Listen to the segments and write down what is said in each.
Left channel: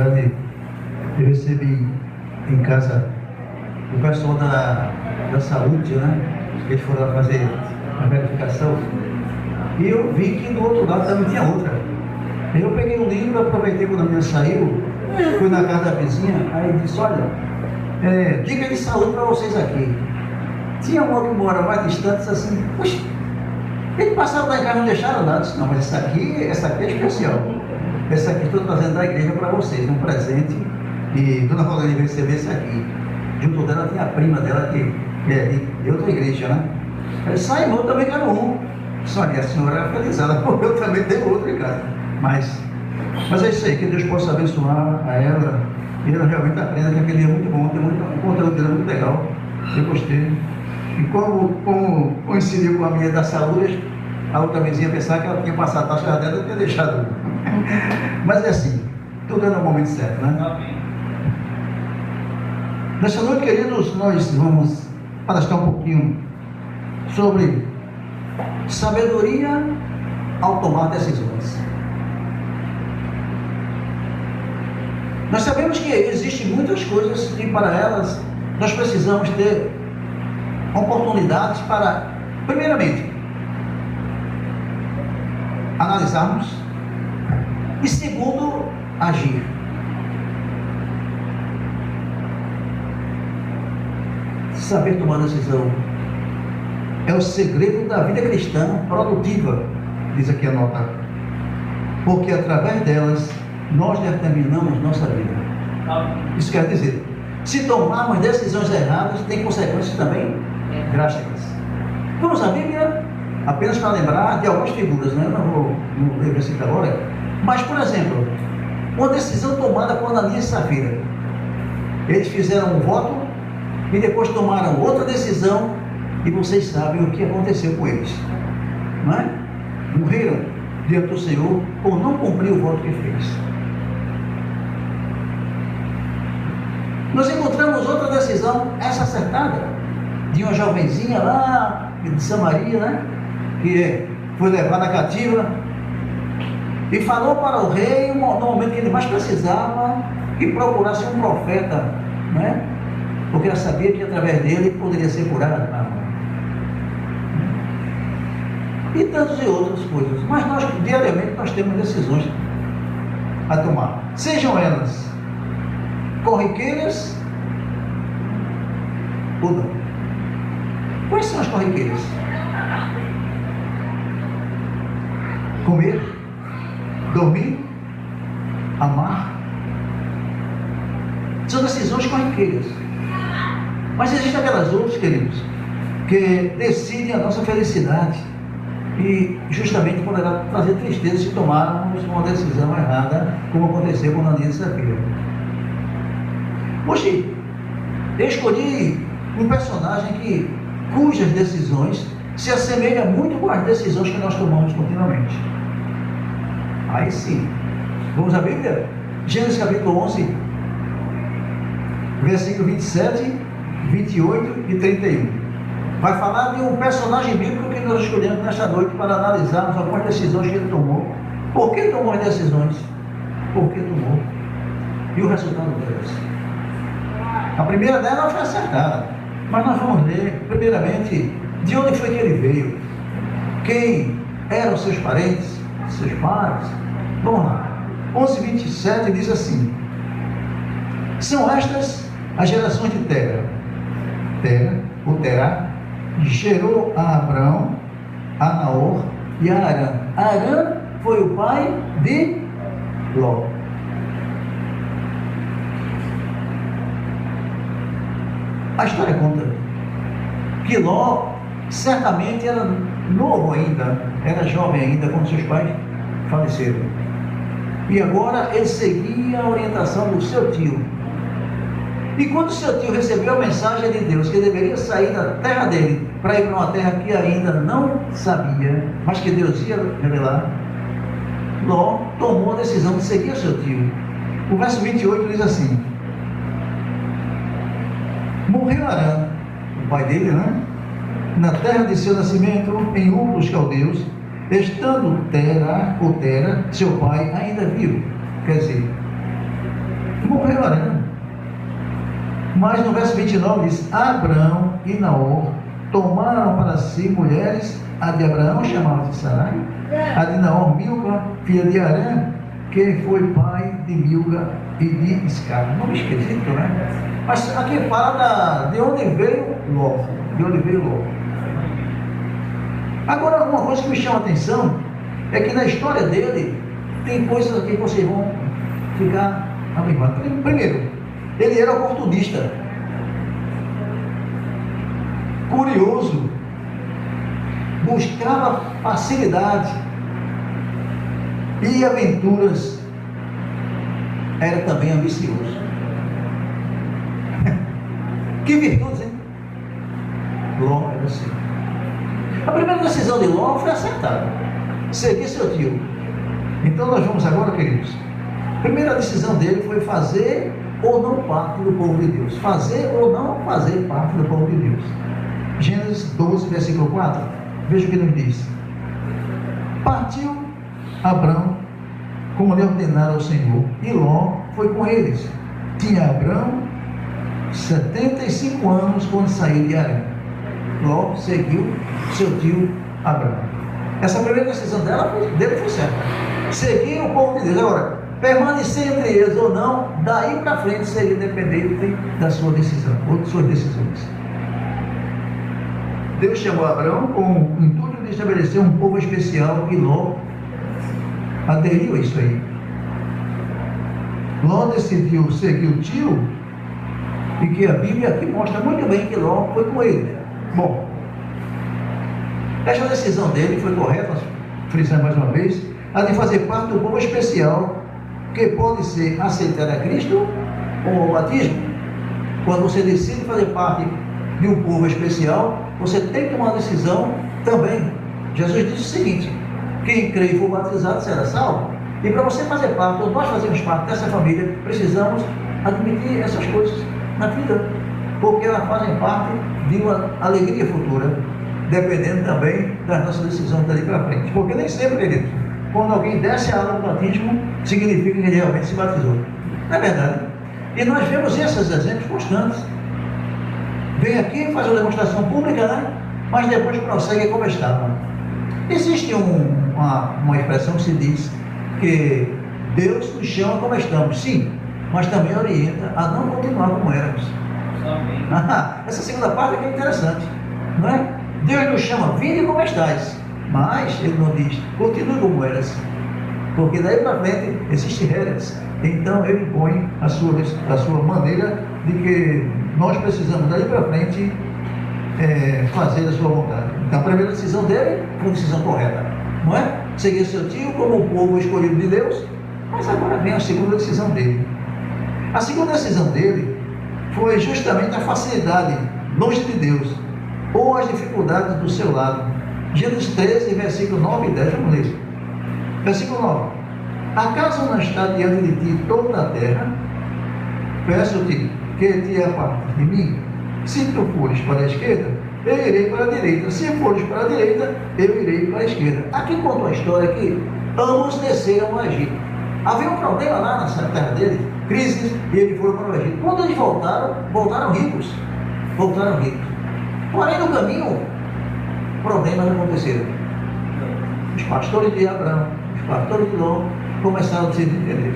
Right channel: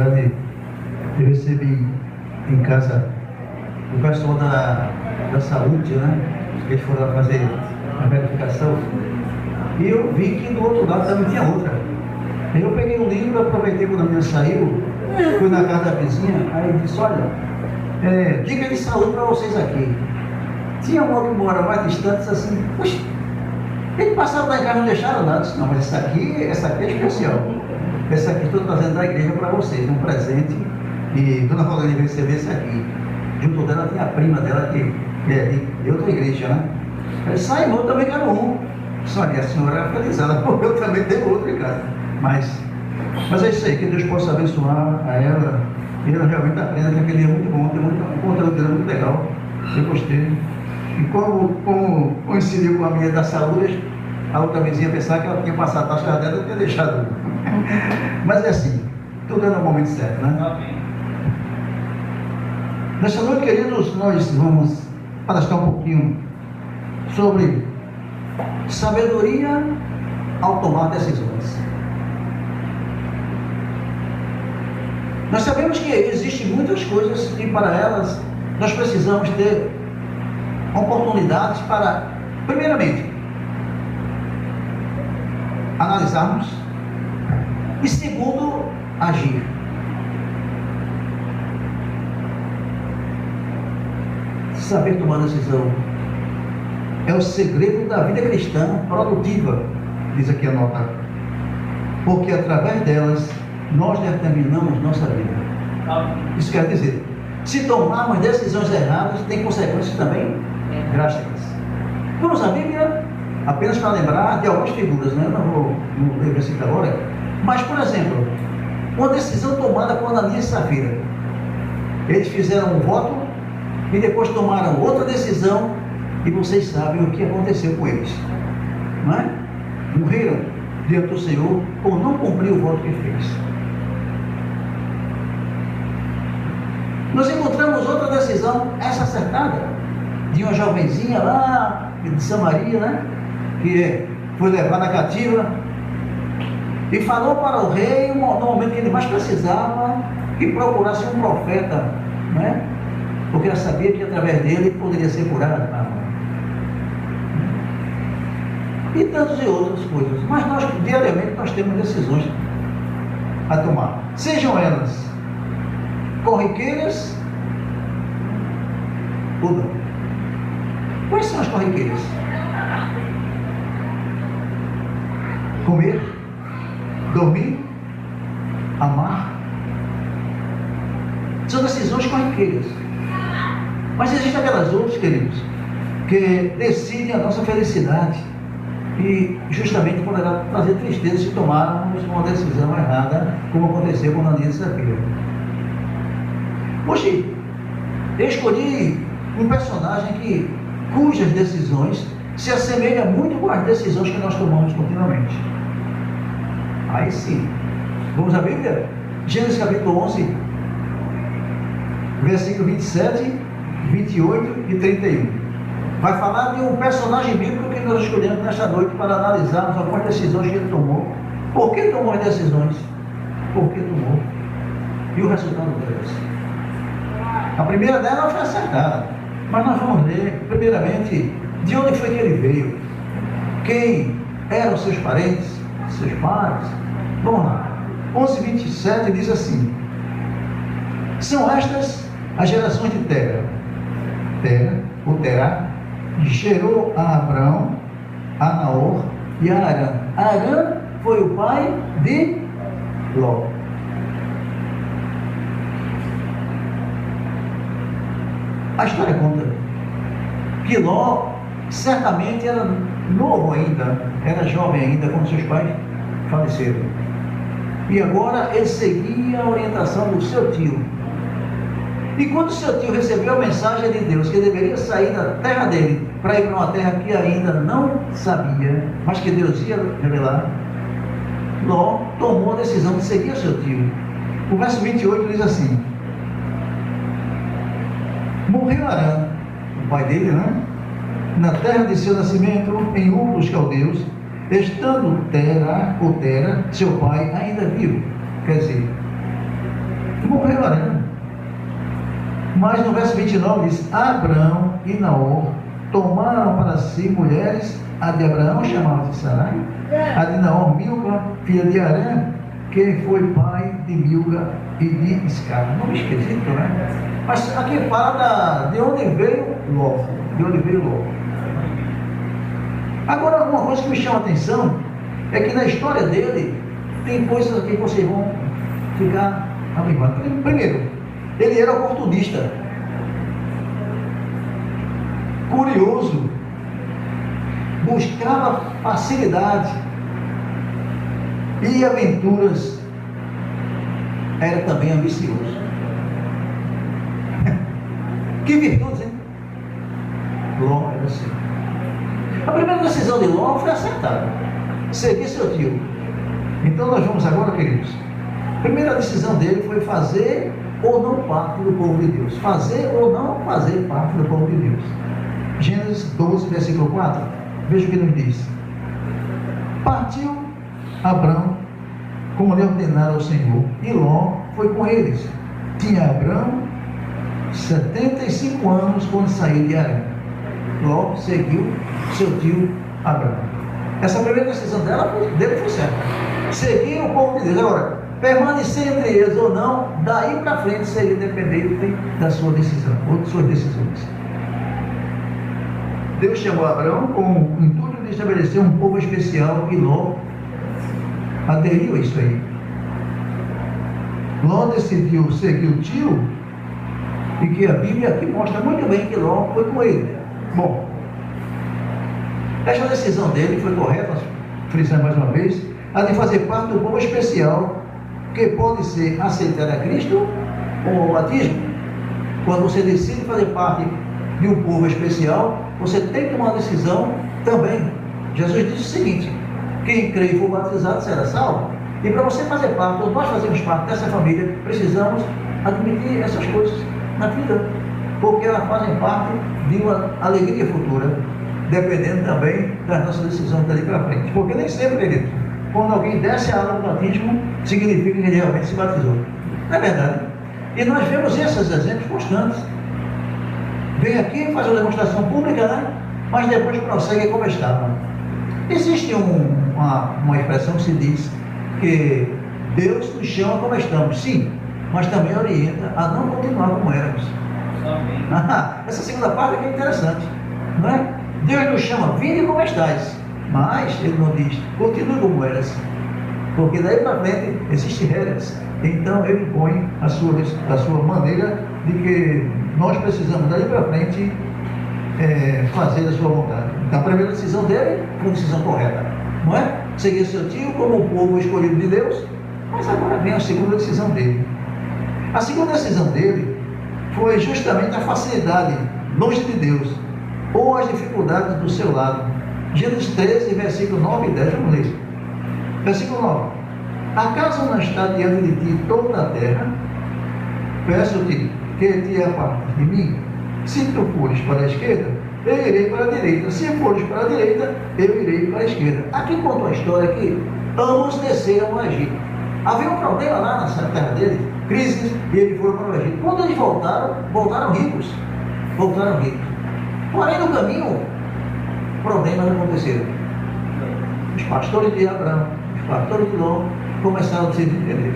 verdade, eu recebi em casa o pessoal da saúde, né? Eles foram lá fazer a verificação. E eu vi que do outro lado também tinha outra. Aí eu peguei um livro, aproveitei quando a minha saiu, fui na casa da vizinha, aí disse, olha, dica de saúde para vocês aqui. Tinha uma que mora mais distante, disse assim, poxa, tem que passar lá em casa, não deixaram nada. Eu disse, não, mas essa aqui é especial. Essa aqui estou trazendo da igreja para vocês, um presente. E Dona Rosalina veio receber esse aqui. Junto dela tinha a prima dela que é de outra igreja, né? Aí sai, eu também quero um. Só que a senhora é felizada, porque eu também tenho outro em casa. Mas é isso aí, que Deus possa abençoar a ela. E ela realmente aprenda que aquele é muito bom, tem um conteúdo dele muito legal. Eu gostei. E como coincidiu com a minha da saúde, a outra vizinha pensava que ela tinha passado a taxa dela e tinha deixado. Mas é assim, tudo é no momento certo, né? Nessa noite, queridos, nós vamos palestrar um pouquinho sobre sabedoria ao tomar decisões. Nós sabemos que existem muitas coisas que para elas nós precisamos ter oportunidades para, primeiramente, analisarmos e, segundo, agir. Saber tomar decisão é o segredo da vida cristã produtiva, diz aqui a nota, porque através delas nós determinamos nossa vida. Isso quer dizer, se tomarmos decisões erradas, tem consequências também drásticas. Vamos à Bíblia, apenas para lembrar de algumas figuras, né? Eu não vou ler o versículo agora, mas, por exemplo, uma decisão tomada por Ananias e Safira. Eles fizeram um voto e depois tomaram outra decisão, e vocês sabem o que aconteceu com eles, não é? Morreram diante do Senhor por não cumprir o voto que fez. Nós encontramos outra decisão, essa acertada, de uma jovenzinha lá de Samaria, né? Que foi levada cativa e falou para o rei, no momento que ele mais precisava, que procurasse um profeta, né? Porque ela sabia que através dele poderia ser curada. E tantas e outras coisas. Mas nós, diariamente, nós temos decisões a tomar. Sejam elas corriqueiras ou não. Quais são as corriqueiras? Comer, dormir, amar. São decisões corriqueiras. Mas existem aquelas outras, queridos, que decidem a nossa felicidade e justamente poderá trazer tristeza se tomarmos uma decisão errada, como aconteceu com Ananias e Safira. Hoje, eu escolhi um personagem cujas decisões se assemelham muito com as decisões que nós tomamos continuamente. Aí sim, vamos à Bíblia? Gênesis capítulo 11, versículo 27, 28 e 31. Vai falar de um personagem bíblico que nós escolhemos nesta noite para analisarmos algumas decisões que ele tomou. Por que tomou as decisões? Por que tomou? E o resultado delas. A primeira dela foi acertada. Mas nós vamos ver, primeiramente, de onde foi que ele veio. Quem eram seus parentes, seus pais. Vamos lá. 11:27 diz assim: são estas as gerações de Tera. Tera, ou Terá, gerou a Abrão, a Naor e a Arã. Arã foi o pai de Ló. A história conta que Ló certamente era novo ainda, era jovem ainda quando seus pais faleceram. E agora ele seguia a orientação do seu tio. E quando seu tio recebeu a mensagem de Deus que ele deveria sair da terra dele para ir para uma terra que ainda não sabia, mas que Deus ia revelar, Ló tomou a decisão de seguir seu tio. O verso 28 diz assim: morreu Arã, o pai dele, né? Na terra de seu nascimento, em Ur dos Caldeus, estando Tera, ou Tera, seu pai, ainda vivo. Quer dizer, morreu Arã. Mas no verso 29 diz: Abrão e Naor tomaram para si mulheres, a de Abraão chamava-se Sarai, a de Naor Milca, filha de Arã, que foi pai de Milca e de Iscar. Nome esquisito, né? Mas aqui fala de onde veio Ló. De onde veio Ló. Agora, uma coisa que me chama a atenção é que na história dele tem coisas aqui que vocês vão ficar abismados. Primeiro, ele era oportunista, curioso, buscava facilidade e aventuras, era também ambicioso. Que virtudes, hein? Ló era assim. A primeira decisão de Ló foi acertada: seguir seu tio. Então nós vamos agora, queridos. A primeira decisão dele foi fazer ou não parte do povo de Deus. Fazer ou não fazer parte do povo de Deus. Gênesis 12, versículo 4. Veja o que ele diz. Partiu Abrão, como lhe ordenara o Senhor, e Ló foi com eles. Tinha Abrão 75 anos quando saiu de Harã. Ló seguiu seu tio Abrão. Essa primeira decisão dele foi certa. Seguir o povo de Deus. Agora, permanecer entre eles ou não, daí para frente seria dependente da sua decisão, ou de suas decisões. Deus chamou Abraão com o intuito de estabelecer um povo especial, e Ló aderiu a isso aí. Ló decidiu seguir o tio, e que a Bíblia aqui mostra muito bem que Ló foi com ele. Bom, essa decisão dele foi correta, frisando mais uma vez, a de fazer parte do povo especial, que pode ser aceitar a Cristo ou o batismo. Quando você decide fazer parte de um povo especial, você tem que tomar uma decisão também. Jesus disse o seguinte: quem crê e for batizado será salvo. E para você fazer parte, ou nós fazemos parte dessa família, precisamos admitir essas coisas na vida, porque elas fazem parte de uma alegria futura, dependendo também das nossas decisões dali para frente. Porque nem sempre, querido, quando alguém desce a água do batismo, significa que ele realmente se batizou. Não é verdade? E nós vemos esses exemplos constantes. Vem aqui, faz uma demonstração pública, né? Mas depois prossegue como estava. Existe uma expressão que se diz que Deus nos chama como estamos, sim, mas também orienta a não continuar como éramos. Essa segunda parte é interessante, não é? Deus nos chama, vinde como estáis, mas Ele não diz, continue como eras, porque daí para frente existe regras. Então Ele põe a sua maneira de que nós precisamos daí para frente fazer a sua vontade. Então a primeira decisão dele foi a decisão correta, não é? Seguir seu tio como o povo escolhido de Deus. Mas agora vem a segunda decisão dele. A segunda decisão dele foi justamente a facilidade longe de Deus, ou as dificuldades do seu lado. Gênesis 13, versículo 9 e 10, vamos ler. Versículo 9. Acaso não está diante de ti toda a terra? Peço-te que te apartes de mim. Se tu fores para a esquerda, eu irei para a direita. Se fores para a direita, eu irei para a esquerda. Aqui conta a história que ambos desceram ao Egito. Havia um problema lá na terra dele, crises, e ele foi para o Egito. Quando eles voltaram ricos. Voltaram ricos. Porém, no caminho, problemas aconteceram. Os pastores de Abraão, os pastores de Ló, começaram a se desentender.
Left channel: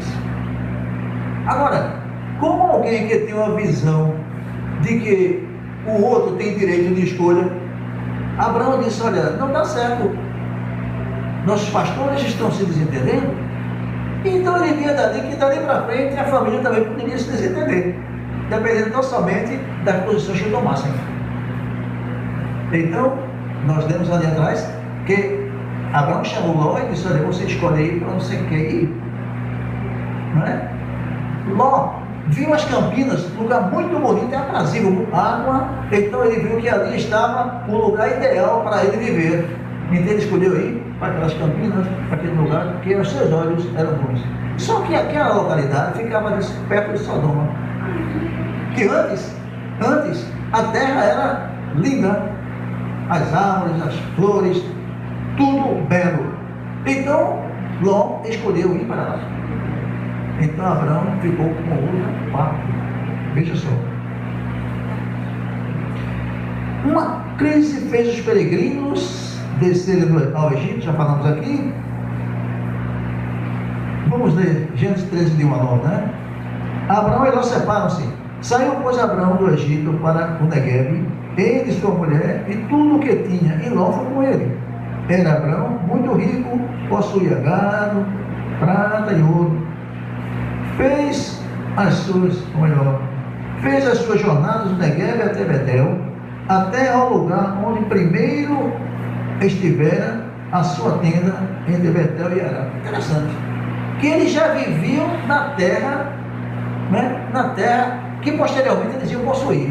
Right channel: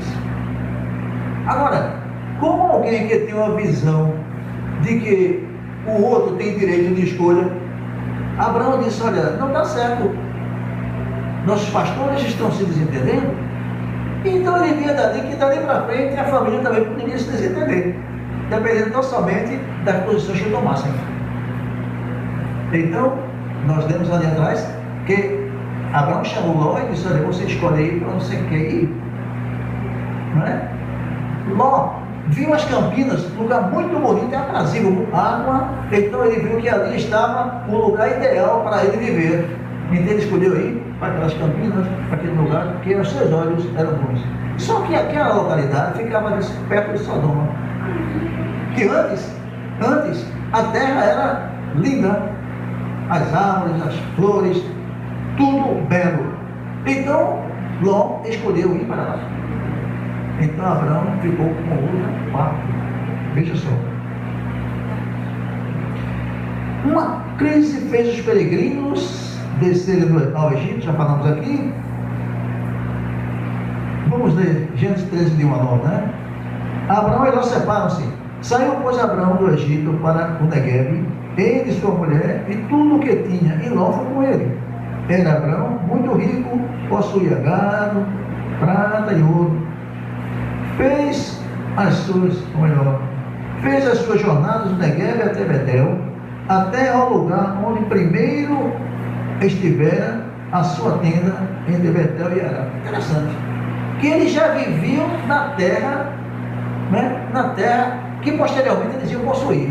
Agora, como alguém que tem uma visão de que o outro tem direito de escolha, Abraão disse: olha, não dá certo, nossos pastores estão se desentendendo, então ele via dali que dali para frente a família também poderia se desentender, dependendo tão somente das posições que tomassem. Então, nós lemos ali atrás que Abraão chamou Ló e disse: olha, você escolhe aí para não sei quem ir. Não é? Ló viu as Campinas, um lugar muito bonito e aprazível, água, então ele viu que ali estava um lugar ideal para ele viver. Então ele escolheu ir para aquelas Campinas, para aquele lugar, porque os seus olhos eram bons. Só que aquela localidade ficava perto de Sodoma. Que antes a terra era linda, as árvores, as flores, tudo belo. Então Ló escolheu ir para lá. Então Abraão ficou com outra parte. Veja só. Uma crise fez os peregrinos descerem ao Egito, já falamos aqui. Vamos ler Gênesis 13, de 1 a 9, né? Abraão e Ló separam-se. Saiu, pois, Abraão do Egito para o Neguebe, ele e sua mulher, e tudo o que tinha, e Ló foi com ele. Era Abraão muito rico, possuía gado, prata e ouro. Fez as suas jornadas do Neguebe até Betel, até ao lugar onde primeiro estivera a sua tenda entre Betel e Ará. Interessante. Que eles já viviam na terra, né? Na terra que posteriormente eles iam possuir.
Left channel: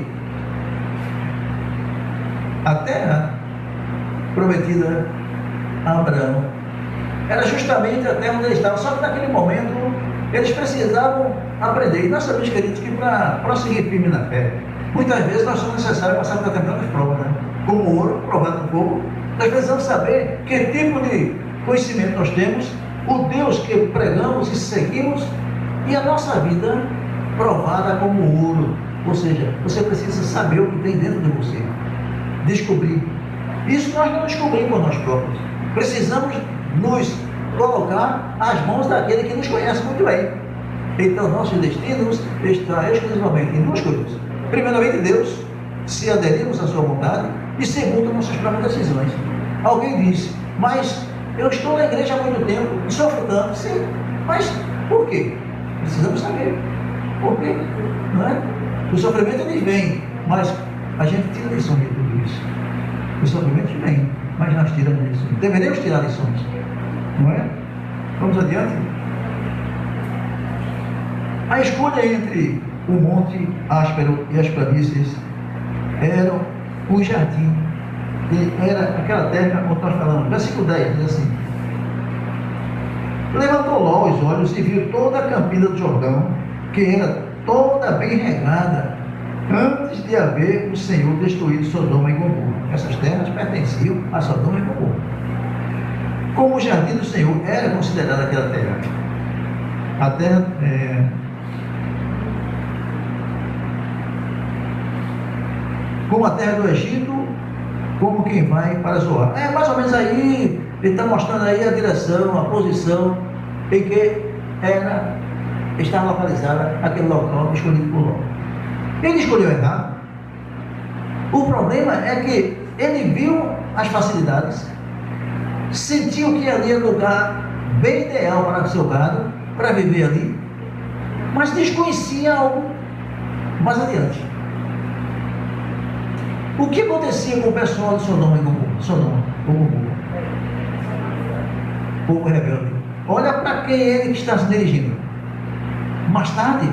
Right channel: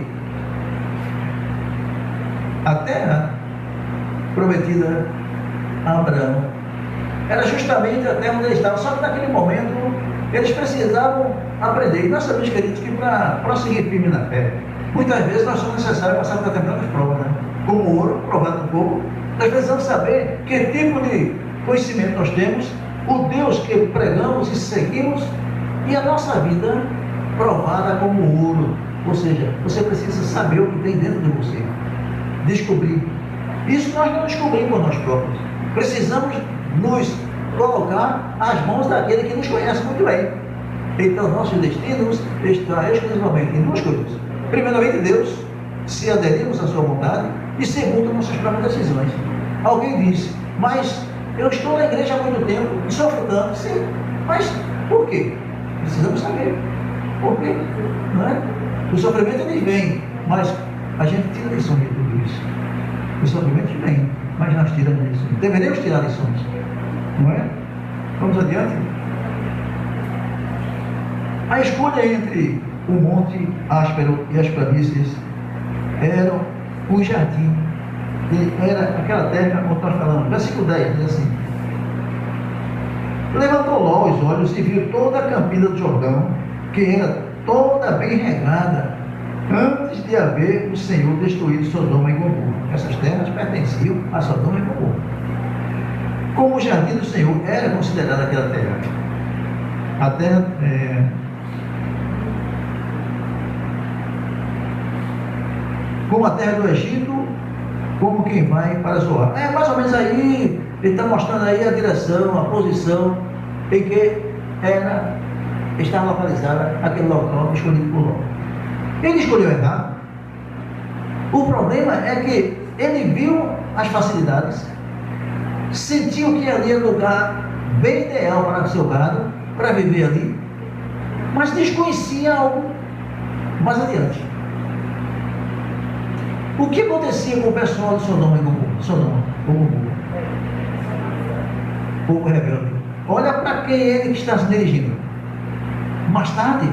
A terra prometida a Abraão era justamente a terra onde eles estavam, só que naquele momento eles precisavam aprender. E nós sabemos, queridos, que para prosseguir firme na fé, muitas vezes nós somos necessários passar por determinadas provas, né? Como o ouro provado no fogo. Nós precisamos saber que tipo de conhecimento nós temos, o Deus que pregamos e seguimos, e a nossa vida provada como ouro. Ou seja, você precisa saber o que tem dentro de você, descobrir. Isso nós não descobrimos por nós próprios. Precisamos nos colocar às mãos daquele que nos conhece muito bem. Então, nossos destinos estão exclusivamente em duas coisas. Primeiramente, Deus, se aderirmos à sua vontade, e segundo, nossas próprias decisões. Alguém disse, mas eu estou na igreja há muito tempo e sofro tanto. Sim, mas por quê? Precisamos saber. Por quê? Não é? O sofrimento ele vem, mas a gente tira lição de tudo isso. O sofrimento vem, mas nós tiramos lições. Deveríamos tirar lições. Não é? Vamos adiante. A escolha entre o monte áspero e as planícies era um jardim. Era aquela terra onde nós falamos. Versículo 10 diz assim: levantou Ló os olhos e viu toda a campina do Jordão, que era toda bem regada, antes de haver o Senhor destruído Sodoma e Gomorra. Essas terras pertenciam a Sodoma e Gomorra. Como o jardim do Senhor era considerada aquela terra. A terra como a terra do Egito, como quem vai para Zoar. É mais ou menos aí, ele está mostrando aí a direção, a posição em que estava localizada aquele local escolhido por Ló. Ele escolheu errado. O problema é que ele viu as facilidades, sentiu que ali era o lugar bem ideal para o seu gado, para viver ali, mas desconhecia algo mais adiante. O que acontecia com o pessoal de Sodoma e Gomorra? Povo rebelde. Olha para quem ele está se dirigindo. Mais tarde,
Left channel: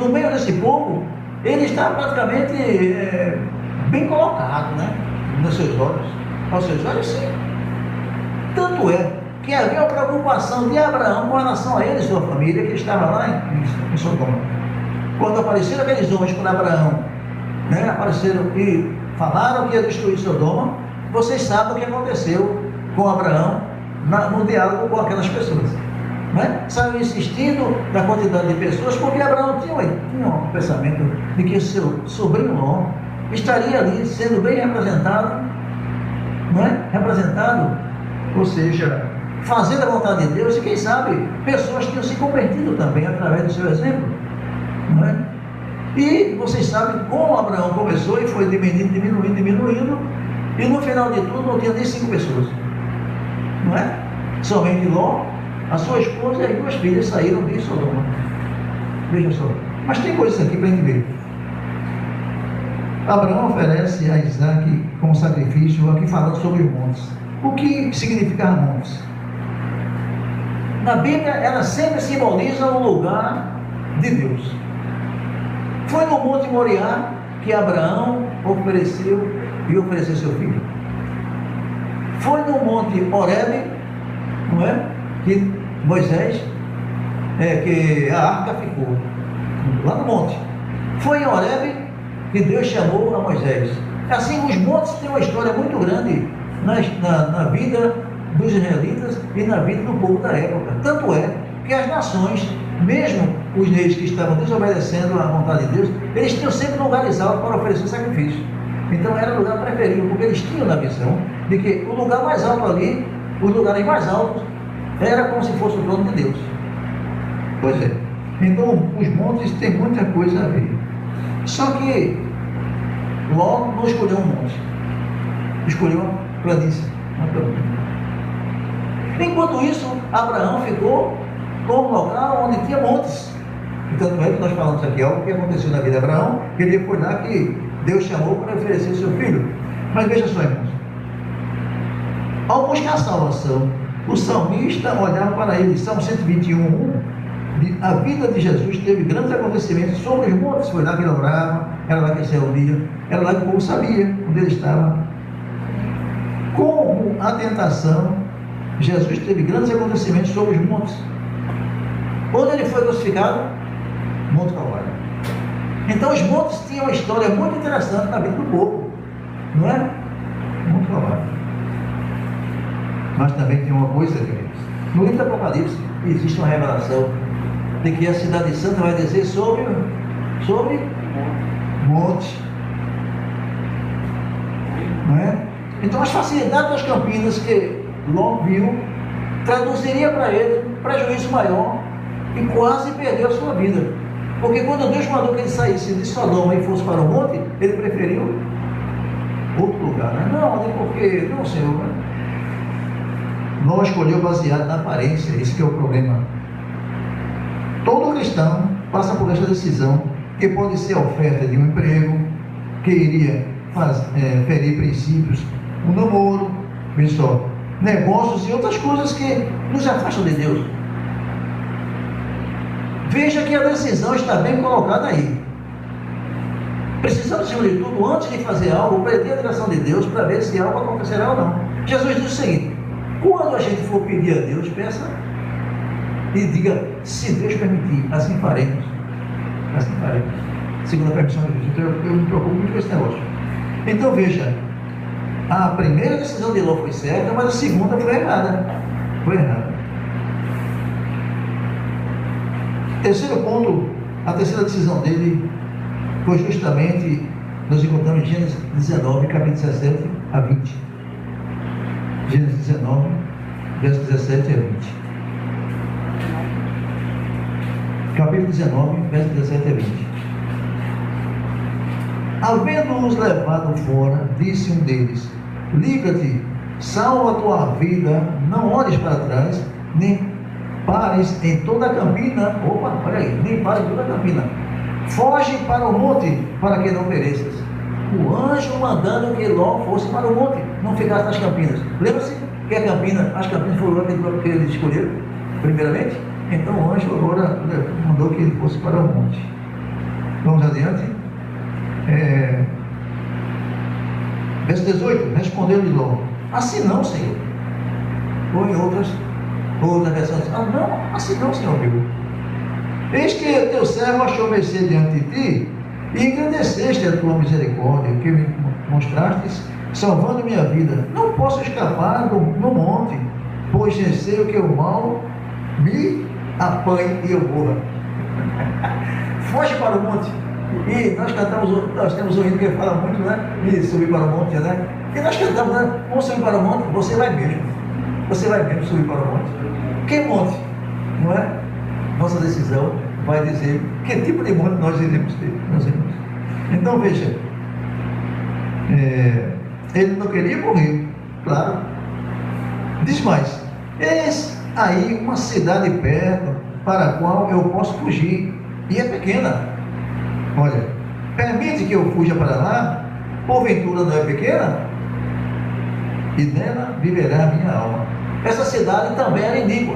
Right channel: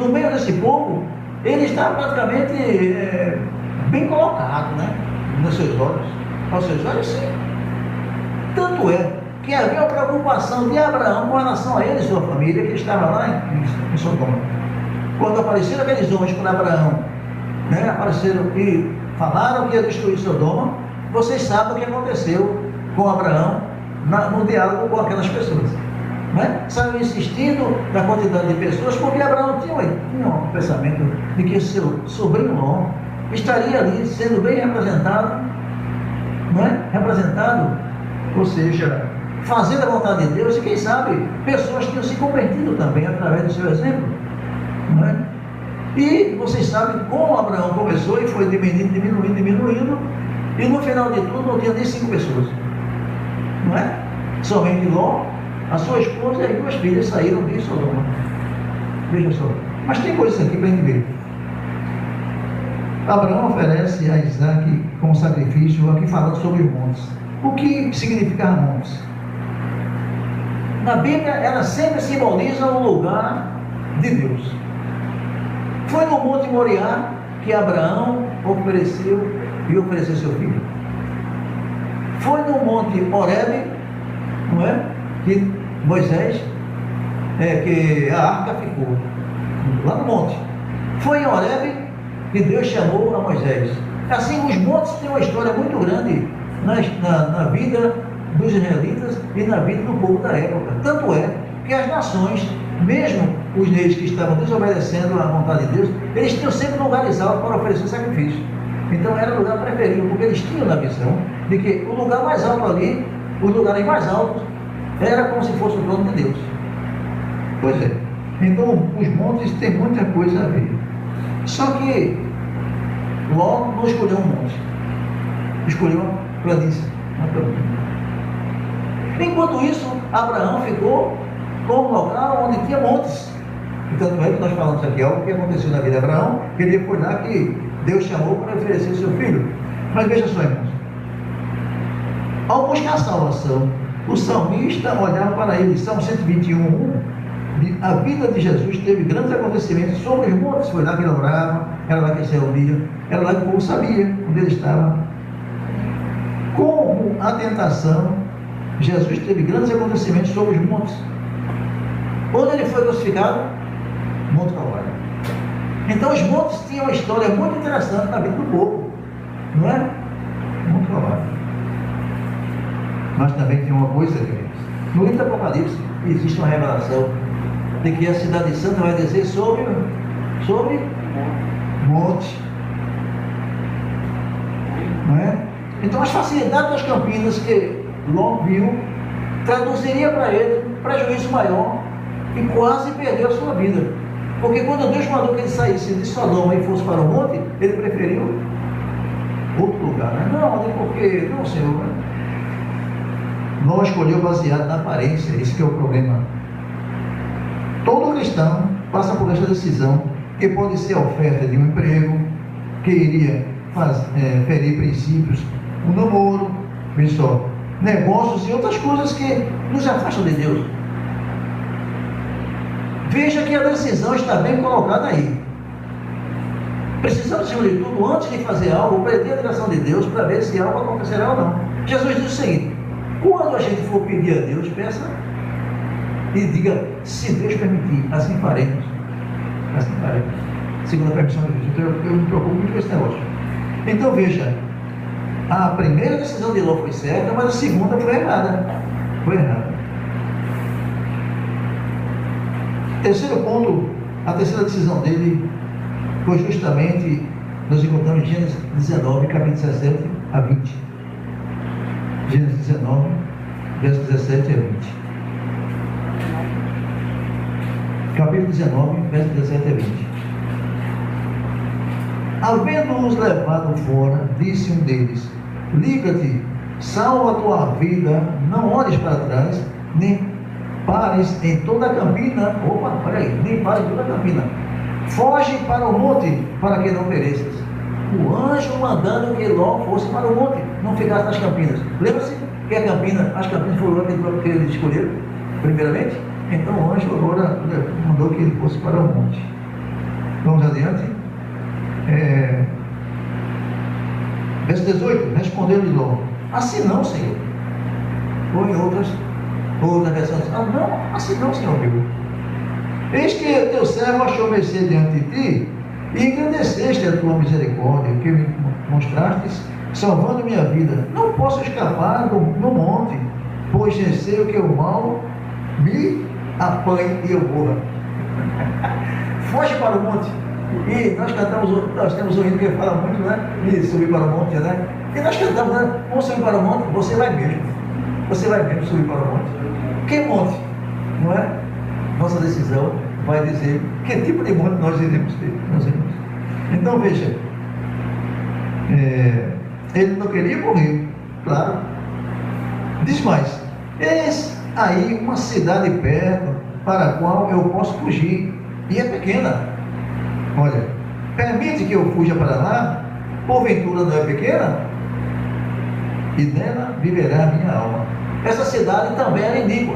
no meio desse povo, ele está praticamente bem colocado, né? Nos seus olhos. Aos seus olhos, sim. Tanto é que havia uma preocupação de Abraão com relação a ele e sua família, que estava lá em Sodoma. Quando apareceram aqueles homens para Abraão, né, apareceram e falaram que ia destruir Sodoma, vocês sabem o que aconteceu com Abraão no diálogo com aquelas pessoas. Né? Saiu insistindo na quantidade de pessoas, porque Abraão tinha um pensamento de que seu sobrinho Ló estaria ali sendo bem representado, não é? Representado, ou seja, fazendo a vontade de Deus, e quem sabe pessoas tinham se convertido também através do seu exemplo. Não é? E vocês sabem como Abraão começou e foi diminuindo, e no final de tudo não tinha nem 5 pessoas. Não é? Somente Ló, a sua esposa e as 2 filhas saíram de Sodoma. Veja só. Mas tem coisas aqui para a gente ver. Abraão oferece a Isaac como sacrifício, aqui falando sobre os montes. O que significa montes? Na Bíblia, ela sempre simboliza um lugar de Deus. Foi no Monte Moriá que Abraão ofereceu seu filho. Foi no Monte Horebe, não é? Que Moisés, que a arca ficou, lá no monte. Foi em Horebe que Deus chamou a Moisés. Assim, os montes têm uma história muito grande na vida dos israelitas e na vida do povo da época. Tanto é que as nações mesmo os reis que estavam desobedecendo à vontade de Deus, eles tinham sempre lugares altos para oferecer sacrifício. Então era o lugar preferido, porque eles tinham na visão de que o lugar mais alto ali, os lugares mais altos, era como se fosse o trono de Deus. Pois é. Então os montes têm muita coisa a ver. Só que Ló não escolheu um monte, escolheu uma planície. Enquanto isso, Abraão ficou com um local onde tinha montes. Então, não é que nós falamos aqui, algo que aconteceu na vida de Abraão, que ele foi lá que Deus chamou para oferecer seu filho. Mas veja só, irmãos, ao buscar a salvação, o salmista olhava para ele, Salmo 121, a vida de Jesus teve grandes acontecimentos sobre os montes. Foi lá que ele orava, era lá que ele se reunia, era lá que o povo sabia onde ele estava. Como a tentação, Jesus teve grandes acontecimentos sobre os montes. Onde ele foi crucificado? Monte Calvário. Então os montes tinham uma história muito interessante na vida do povo, não é? Monte Calvário. Mas também tem uma coisa, no livro do Apocalipse existe uma revelação de que a cidade santa vai descer sobre montes, não é? Então as facilidades das campinas que Ló viu traduziria para ele um prejuízo maior e quase perdeu a sua vida, porque quando Deus mandou que ele saísse de Sodoma e fosse para o monte, ele preferiu outro lugar, né? Não, porque não, Senhor, né? Não escolheu baseado na aparência. Esse que é o problema. Todo cristão passa por essa decisão, que pode ser a oferta de um emprego, que iria ferir princípios, um namoro, pessoal, negócios e outras coisas que nos afastam de Deus. Veja que a decisão está bem colocada aí. Precisamos, acima de tudo, antes de fazer algo, pedir a direção de Deus para ver se algo acontecerá ou não. Jesus disse o seguinte: quando a gente for pedir a Deus, peça e diga, se Deus permitir, assim faremos. Assim faremos. Segundo a permissão de Deus. Então eu me preocupo muito com esse negócio. Então veja, a primeira decisão de Ló foi certa, mas a segunda foi errada. Foi errada. Terceiro ponto, a terceira decisão dele foi justamente, nós encontramos em Gênesis 19, capítulo 17 a 20. Gênesis 19, versos 17 a 20. Capítulo 19, versos 17 a 20. Havendo-os levado fora, disse um deles: liga-te, salva a tua vida, não olhes para trás, nem pares em toda a campina. Opa, olha aí, nem pares em toda a campina. Foge para o monte, para que não pereças. O anjo mandando que Ló fosse para o monte, não ficasse nas campinas. Lembra-se que as campinas foram que ele escolheu, primeiramente? Então o anjo agora mandou que ele fosse para o monte. Vamos adiante. Verso 18, respondeu-lhe Ló: assim não, Senhor. Ou em outras versões: não, assim não, Senhor meu. Eis que teu servo achou mercê diante de ti, e engrandeceste a tua misericórdia, que me mostrastes, salvando minha vida. Não posso escapar no monte, pois receio que o mal me apanhe e eu morra. Foge para o monte. E nós temos um hino que fala muito, né? De subir para o monte, né? E nós cantamos, né? Vamos subir para o monte, você vai mesmo. Você vai mesmo subir para o monte. Que monte? Não é? Nossa decisão vai dizer que tipo de monte nós iremos ter, meus irmãos. Então veja, ele não queria morrer, claro. Diz mais: eis aí uma cidade perto, para a qual eu posso fugir, e é pequena. Olha, permite que eu fuja para lá, porventura não é pequena? E nela viverá a minha alma. Essa cidade também era iníqua.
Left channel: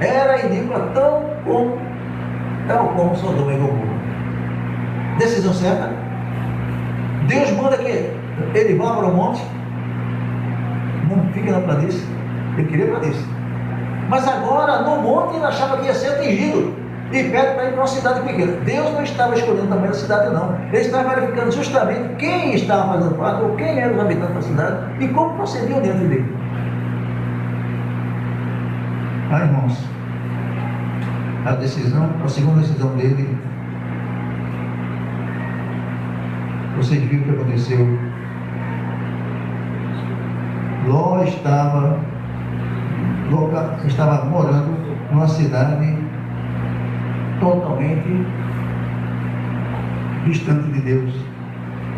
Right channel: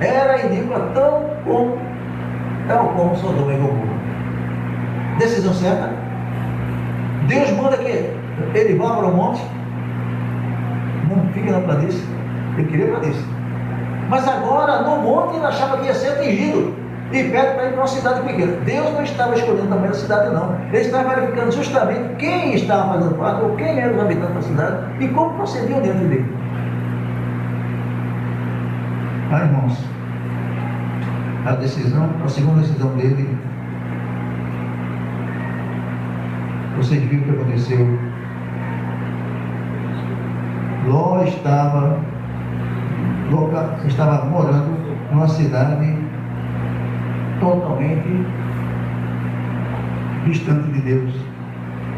Era iníqua tal como Sodoma e Gomorra. Decisão certa. Deus manda que ele vá para o monte. Não fica na planície. Ele queria planície. Mas agora, no monte, ele achava que ia ser atingido. E pede para ir para uma cidade pequena. Deus não estava escolhendo também a cidade, não. Ele estava verificando justamente quem estava fazendo parte, ou quem eram os habitantes da cidade, e como procediam diante dele. Irmãos, a decisão, a segunda decisão dele, vocês viram o que aconteceu. Ló estava morando numa cidade totalmente distante de Deus.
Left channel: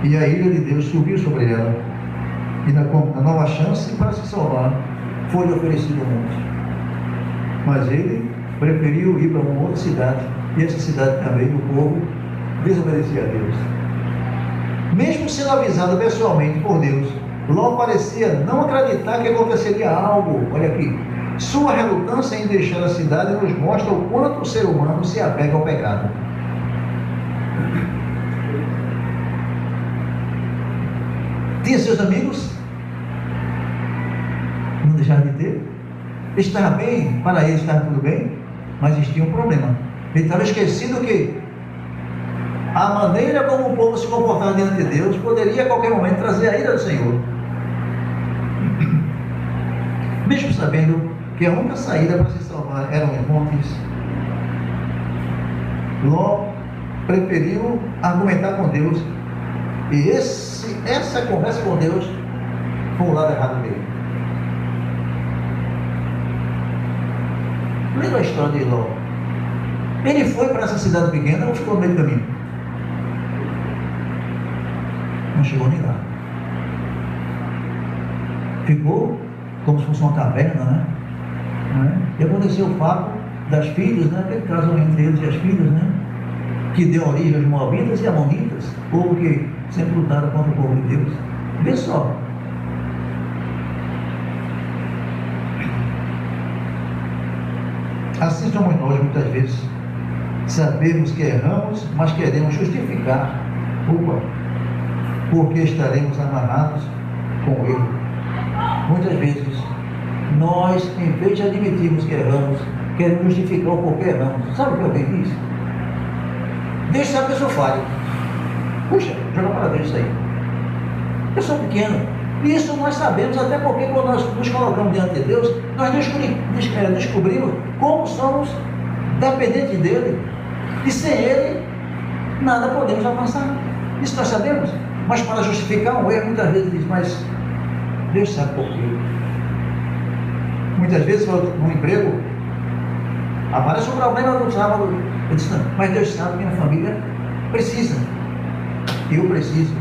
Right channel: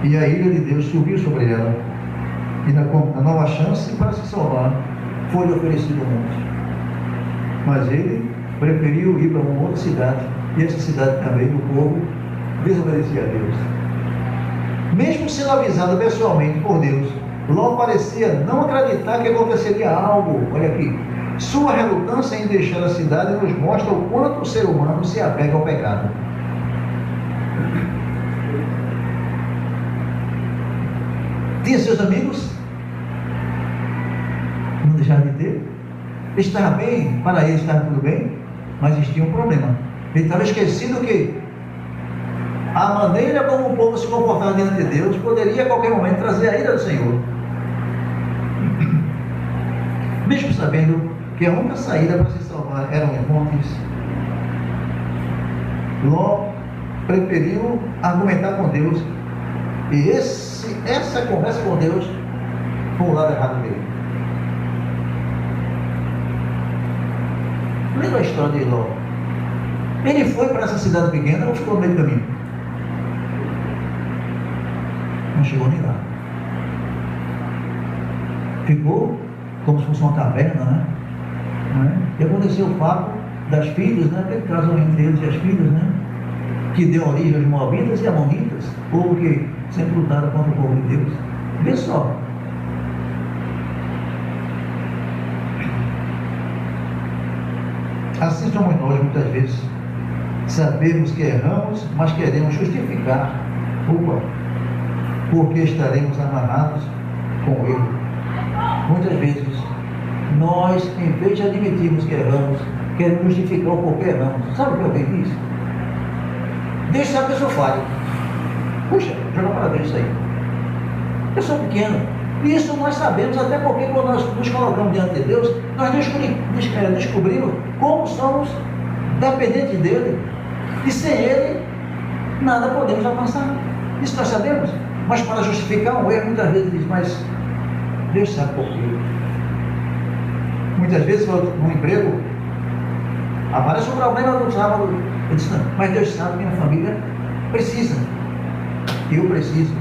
E a ira de Deus subiu sobre ela. E na nova chance para se salvar, foi oferecido um monte. Mas ele preferiu ir para uma outra cidade. E essa cidade também, o povo desobedecia a Deus. Mesmo sendo avisado pessoalmente por Deus, Ló parecia não acreditar que aconteceria algo. Olha aqui. Sua relutância em deixar a cidade nos mostra o quanto o ser humano se apega ao pecado. Tinha seus amigos, não deixaram de ter. Estava bem, para ele estava tudo bem, mas existia um problema. Ele estava esquecido que a maneira como o povo se comportava diante de Deus poderia a qualquer momento trazer a ira do Senhor. Mesmo sabendo que a única saída para se salvar eram os montes, Ló preferiu argumentar com Deus. E essa conversa com Deus foi o lado errado dele. Lembra a história de Ló? Ele foi para essa cidade pequena ou ficou no meio do caminho? Não chegou nem lá. Ficou como se fosse uma caverna, né? E aconteceu o fato das filhas, né? Aquele casamento deles e as filhas, né? Que deu origem aos Moabitas e Amonitas, povo que sempre lutaram contra o povo de Deus. Vê só. Assim somos nós, muitas vezes. Sabemos que erramos, mas queremos justificar culpa, porque estaremos amarrados com ele. Muitas vezes, nós, em vez de admitirmos que erramos, queremos justificar o porquê erramos. Sabe o que eu tenho visto? Deus sabe que eu sou falho. Puxa, joga para Deus isso aí. Eu sou pequeno. Isso nós sabemos, até porque quando nós nos colocamos diante de Deus, nós descobrimos como somos dependentes dele. E sem ele, nada podemos alcançar. Isso nós sabemos. Mas para justificar um erro, muitas vezes diz, mas Deus sabe por quê. Muitas vezes, no emprego, aparece um problema no sábado. Eu disse, não, mas Deus sabe que minha família precisa. Eu preciso.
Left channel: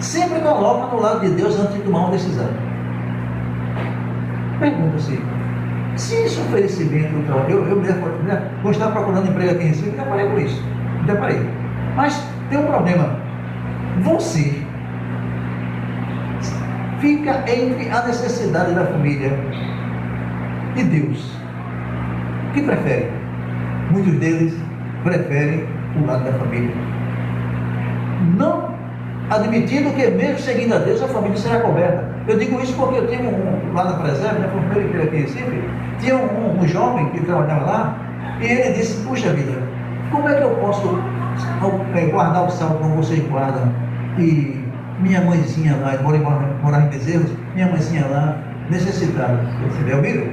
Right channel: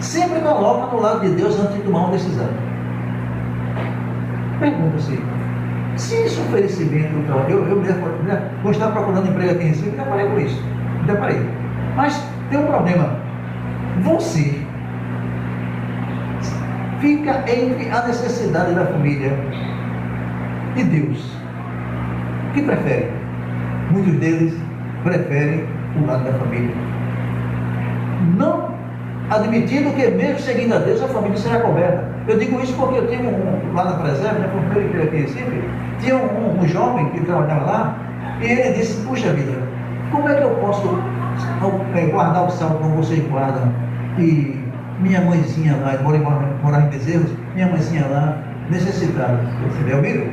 Sempre coloca no lado de Deus antes de tomar uma decisão. Pergunta-se, se esse oferecimento, vou estar procurando emprego aqui em Recife, deparei com isso. Deparei. Mas tem um problema. Você fica entre a necessidade da família e Deus. O que prefere? Muitos deles preferem o lado da família. Não admitindo que mesmo seguindo a Deus, a família será coberta. Eu digo isso porque eu tenho lá na Preserva, na primeira igreja aqui em Recife, tinha um jovem que trabalhava lá, e ele disse, puxa vida, como é que eu posso guardar o saldo como vocês guardam? E minha mãezinha lá, morar em Bezerros, minha mãezinha lá, necessitada. Você vê, ouviram?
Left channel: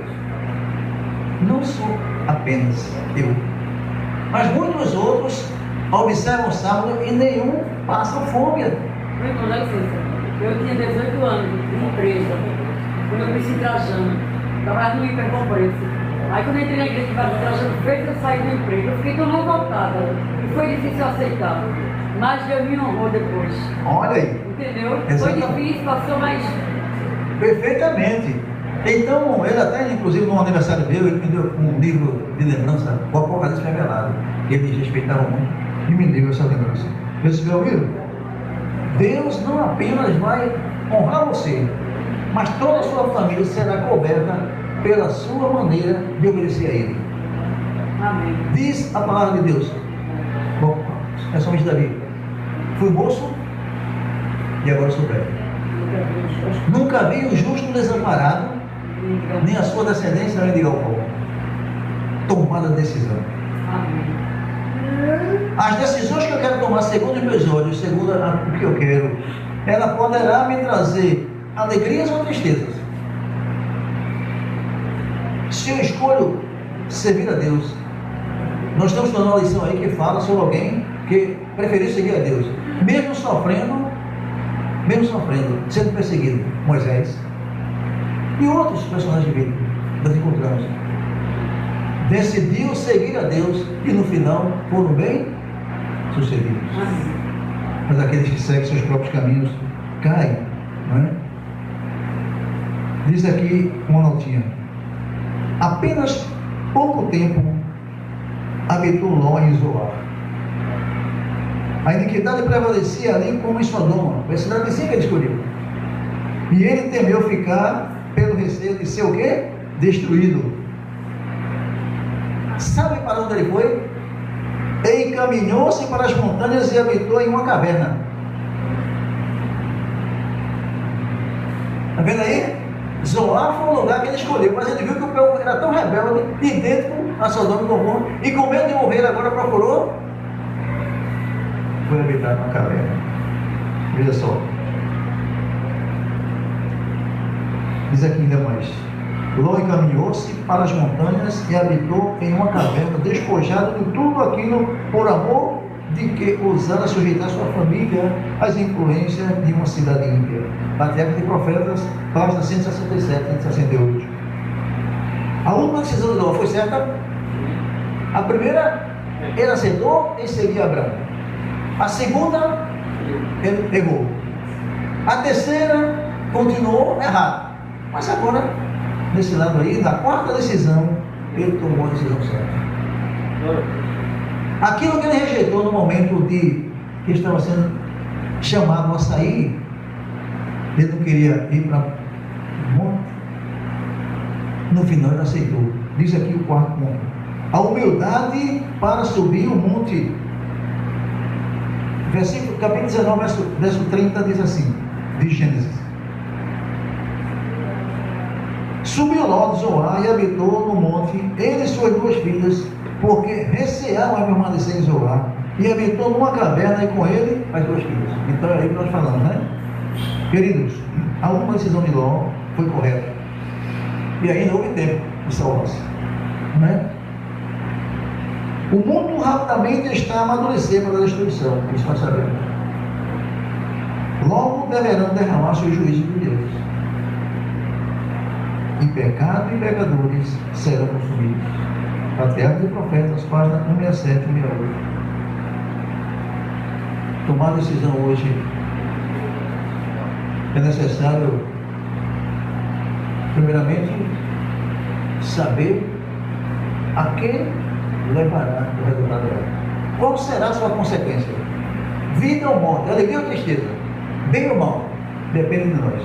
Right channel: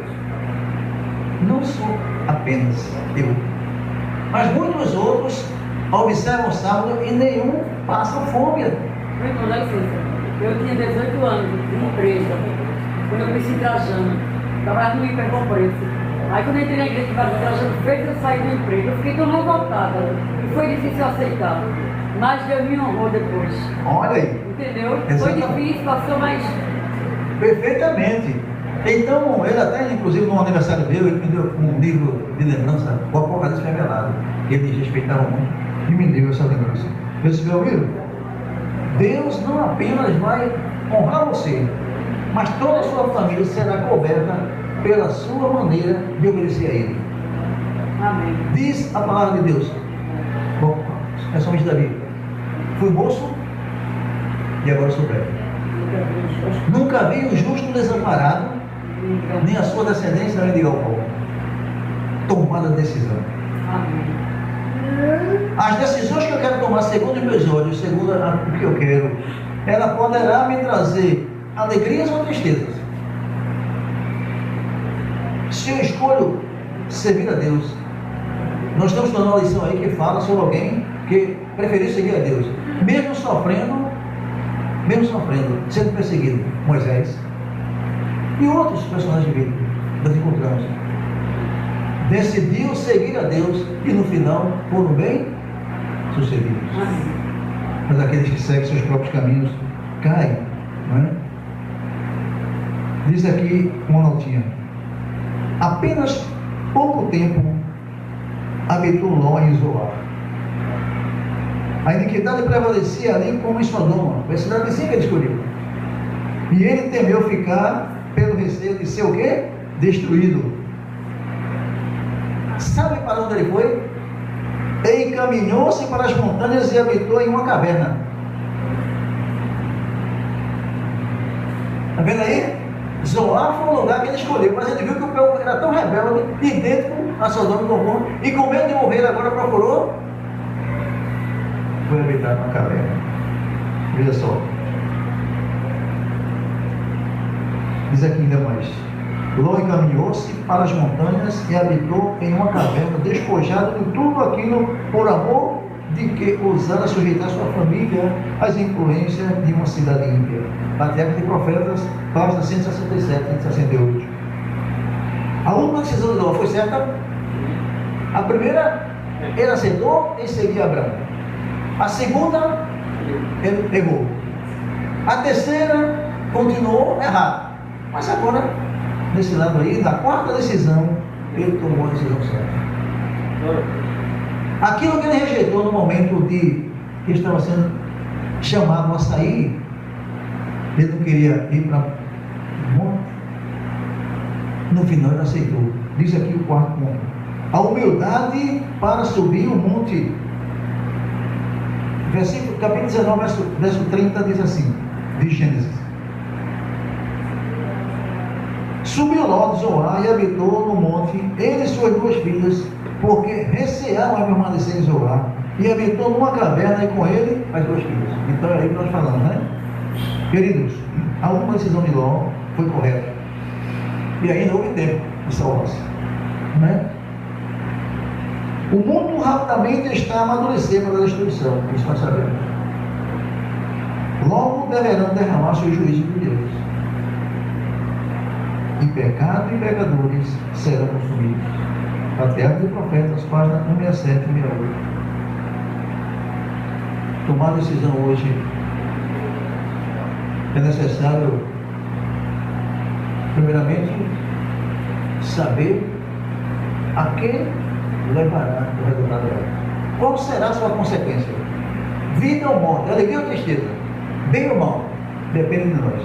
Não sou apenas eu, mas muitos outros observam o sábado e nenhum passa fome. Eu tinha 18 anos de empresa, quando eu conheci Trajano, trabalhava no Hipercompreço. Aí quando eu entrei na igreja de Trajano, fez eu sair do emprego, eu fiquei tão revoltada, e foi difícil aceitar, mas Deus me honrou depois. Olha aí. Entendeu? Foi difícil, passou, mas... Perfeitamente. Então, ele até, inclusive, no aniversário dele, ele me deu um livro de lembrança, o Apocalipse Revelado. Eles respeitavam muito e me deu essa lembrança. Eu disse, meu amigo, Deus não apenas vai honrar você, mas toda a sua família será coberta pela sua maneira de obedecer a Ele. Amém. Diz a palavra de Deus. Bom, é somente Davi. Fui moço e agora sou velho. Nunca vi o justo desamparado, nem a sua descendência mendigar o pão. Tomada de decisão. Amém. As decisões que eu quero tomar segundo os meus olhos, segundo o que eu quero, ela poderá me trazer alegrias ou tristezas. Se eu escolho servir a Deus. Nós estamos dando uma lição aí que fala sobre alguém que preferiu seguir a Deus, mesmo sofrendo, sendo perseguido. Moisés e outros personagens bíblicos nós encontramos. Decidiu seguir a Deus e no final foram bem sucedidos. Mas aqueles que seguem seus próprios caminhos caem, não é? Diz aqui uma notinha: apenas pouco tempo habitou Ló em Zoar. A iniquidade prevalecia ali como em Sodoma, a cidade vizinha que ele escolheu. E ele temeu ficar pelo receio de ser o quê? Destruído. Sabe para onde ele foi? Ele encaminhou-se para as montanhas e habitou em uma caverna. Está vendo aí? Zoar foi o lugar que ele escolheu, mas ele viu que o povo era tão rebelde, idêntico a Sodoma e Gomorra, e com medo de morrer agora procurou, foi habitar numa caverna. Veja só. Diz aqui ainda mais: Ló encaminhou-se para as montanhas e habitou em uma caverna, despojado de tudo aquilo por amor de que ousara sujeitar sua família às influências de uma cidade ímpia. Patriarca de Profetas, página 167 e 168. A última decisão de Ló foi certa? A primeira, ele aceitou em seguir Abraão. A segunda, ele errou. A terceira, continuou errado. Mas agora, nesse lado aí, da quarta decisão, ele tomou a decisão certa. Aquilo que ele rejeitou no momento de que estava sendo chamado a sair, ele não queria ir para o monte. No final ele aceitou. Diz aqui o quarto ponto: a humildade para subir o monte. Versículo, capítulo 19, verso 30 diz assim, de Gênesis: subiu Ló de Zoar e habitou no monte, ele e suas duas filhas, porque receavam a permanecer em Zoar, e habitou numa caverna e com ele as duas filhas. Então é aí que nós falamos, né? Queridos, a última decisão de Ló foi correta. E ainda houve tempo de salvar-se, né? O mundo rapidamente está a amadurecer para a destruição, isso nós sabemos. Logo deverão derramar seu juízo de Deus. E pecado e pecadores serão consumidos. Patriarca de Profetas, página 167 e 168. Tomar decisão hoje é necessário, primeiramente, saber a que levará o resultado dela. Qual será a sua consequência? Vida ou morte, alegria ou tristeza, bem ou mal, depende de nós.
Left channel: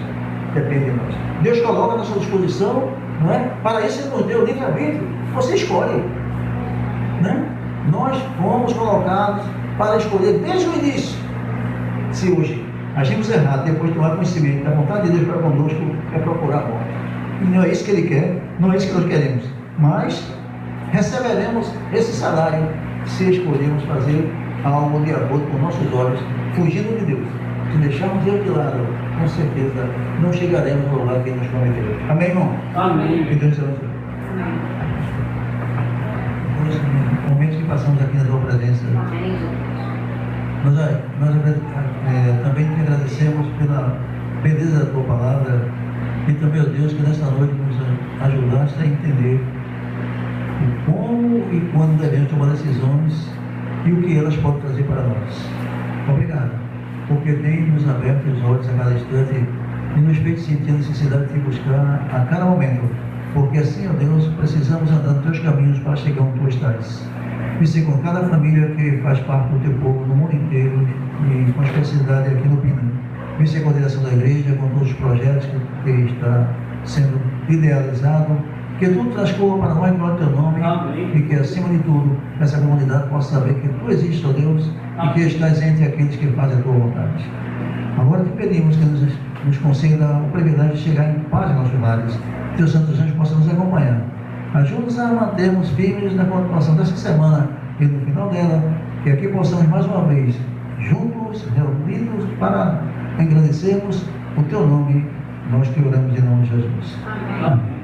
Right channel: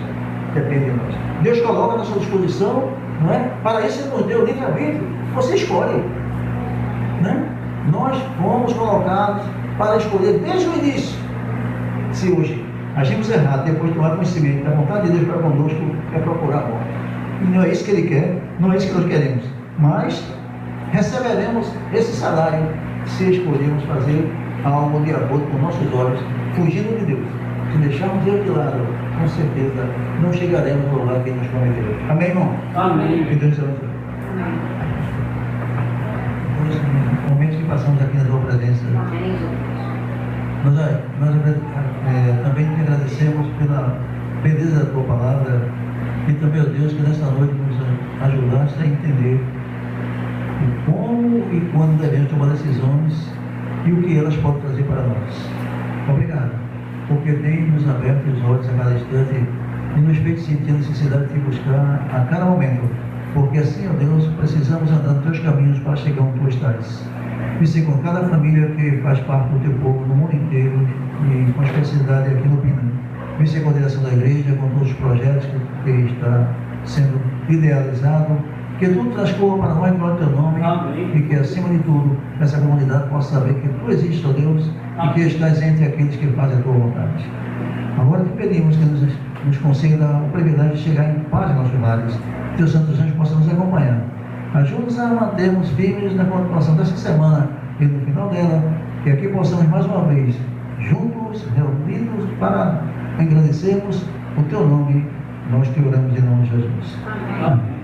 Depende de nós. Deus coloca na sua disposição, não é? Para isso Ele nos deu o livre-arbítrio. Você escolhe, né? Nós fomos colocados para escolher desde o início. Se hoje agimos errado, depois de tomar conhecimento da vontade de Deus para conosco, é procurar a morte. E não é isso que Ele quer, não é isso que nós queremos. Mas receberemos esse salário se escolhermos fazer algo de acordo com nossos olhos, fugindo de Deus. Se deixarmos Deus de lado, com certeza não chegaremos no lugar que Ele nos prometeu. Amém, irmão? Amém. Que Deus te abençoe. Nos momentos que passamos aqui na tua presença, nós também te agradecemos pela beleza da tua palavra e também, ó Deus, que nessa noite nos ajudaste a entender o como e quando devemos tomar decisões e o que elas podem trazer para nós. Obrigado, porque tem nos aberto os olhos a cada instante e nos feito sentir a necessidade de te buscar a cada momento, porque assim, ó Deus, precisamos andar nos teus caminhos para chegar onde tu estás. E ser com cada família que faz parte do teu povo no mundo inteiro e com especialidade aqui no Pina. E ser com a direção da igreja, com todos os projetos que está sendo idealizado. Que tudo transcorra para nós no teu nome. Amém. E que acima de tudo essa comunidade possa saber que tu existes, ó Deus, e que estás entre aqueles que fazem a tua vontade. Agora te pedimos que nos conceda o privilégio de chegar em paz em nossos lares, que os santos anjos possam nos acompanhar. Ajuda-nos a mantermos firmes na continuação desta semana e no final dela, que aqui possamos mais uma vez, juntos, reunidos, para agradecermos o teu nome. Nós te oramos em nome de Jesus. Amém.